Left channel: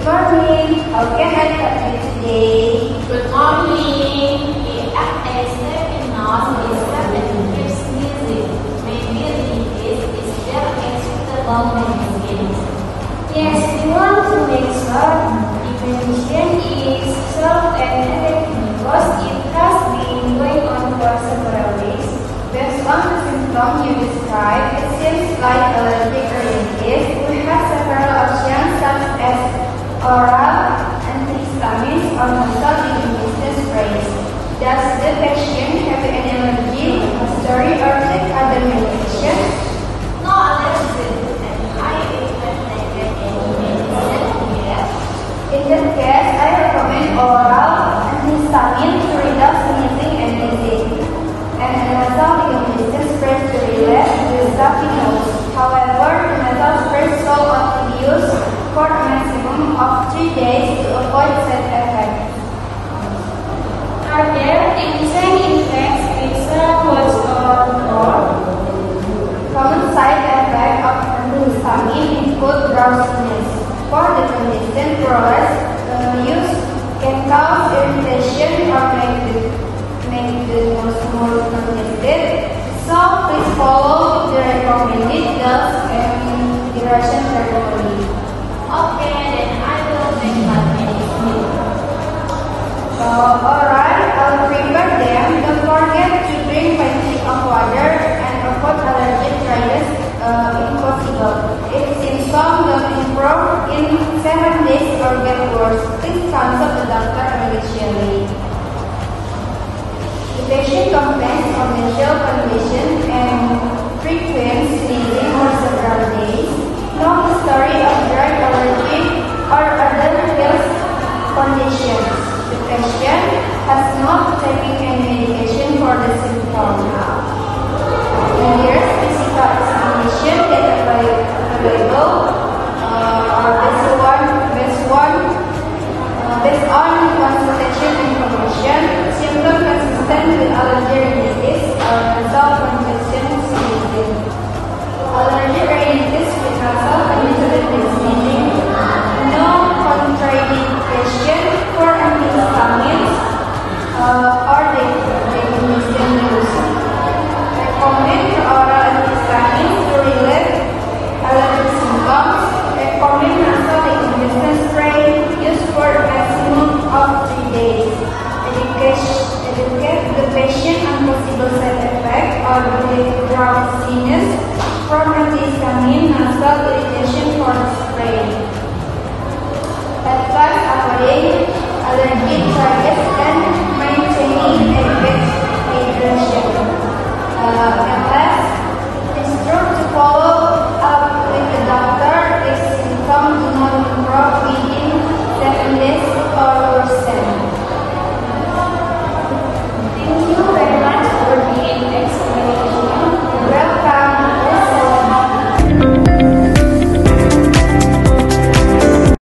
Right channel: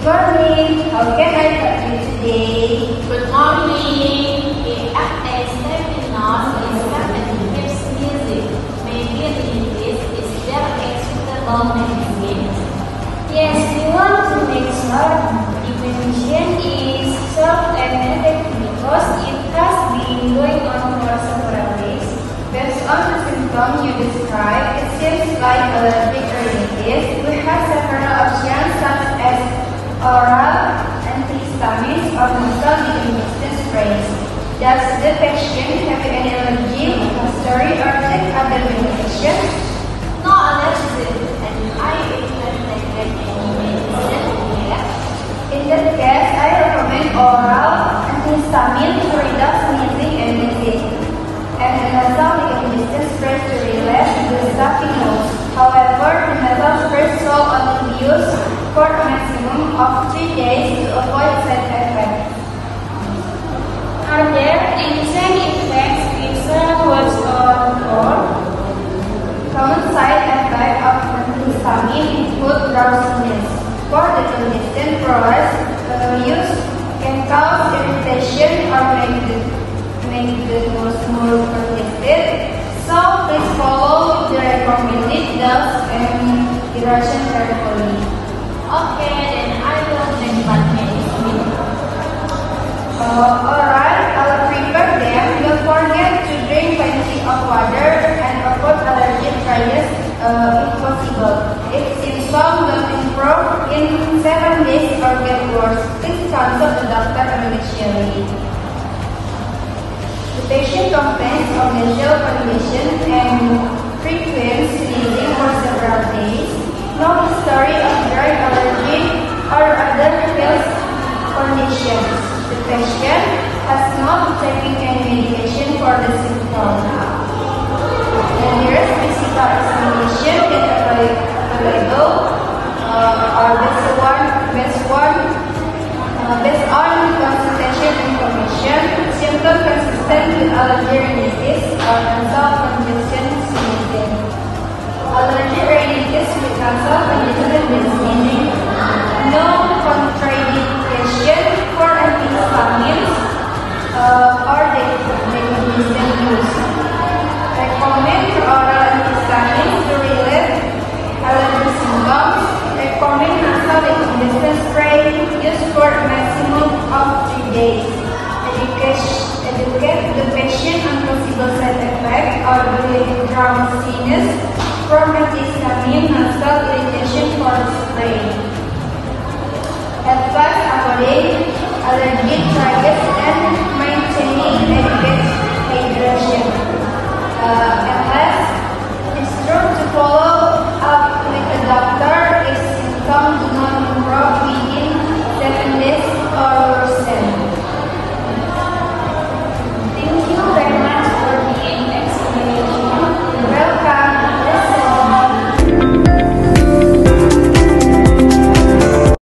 Morning. How can I help you today? Good morning. The actress Filipinos is repetitive music. Maybe in this is very acceptable music. Yes, we want to make sure the musician is soft and effective because it has been going on for several days. Based on the symptoms you described, it seems like allergic rhinitis. We have several options such as oral, antihistamines, or nasal decongestant sprays. Does the patient have any allergy, history, or take other medication? No allergy, and I recommend taking medicine. In that case, I recommend oral antihistamine to reduce sneezing and wheezing, and a nasal decongestant spray to relieve the stuffy nose. However, the nasal spray should only be used for a maximum of 3 days to avoid side effects. Are there any side effects besides what's or Common side effects of antihistamine include drowsiness. For the congestant process, use can cause irritation or make the nose more congested. So please follow the recommended dose and duration carefully. okay, then I will take that medicine. Alright, I'll prepare them. Don't forget to drink plenty of water and avoid allergic rhinitis if possible. If symptoms don't improve in 7 days or get worse, please consult a doctor immediately. The patient complains of nasal congestion and frequent sneezing for several days. No history of drug allergy or other health conditions. The patient has not taken any medication for the symptoms. The nearest physical examination that available are based on consultation information, symptom consistent with allergy rhinitis or nasal congestion sneezing. Allergic rhinitis with nasal congestion and sneezing. No contraindication for antihistamines or decongestant use. Recommend oral antihistamines to relieve allergy symptoms. Recommend nasal decongestant spray used for a maximum of 3 days. Educate the patient on possible side effects or the drowsiness from antihistamine nasal irritation for spray. Advise avoiding allergic rhinitis and maintaining adequate hydration. And last, it's true to follow up with a doctor if symptoms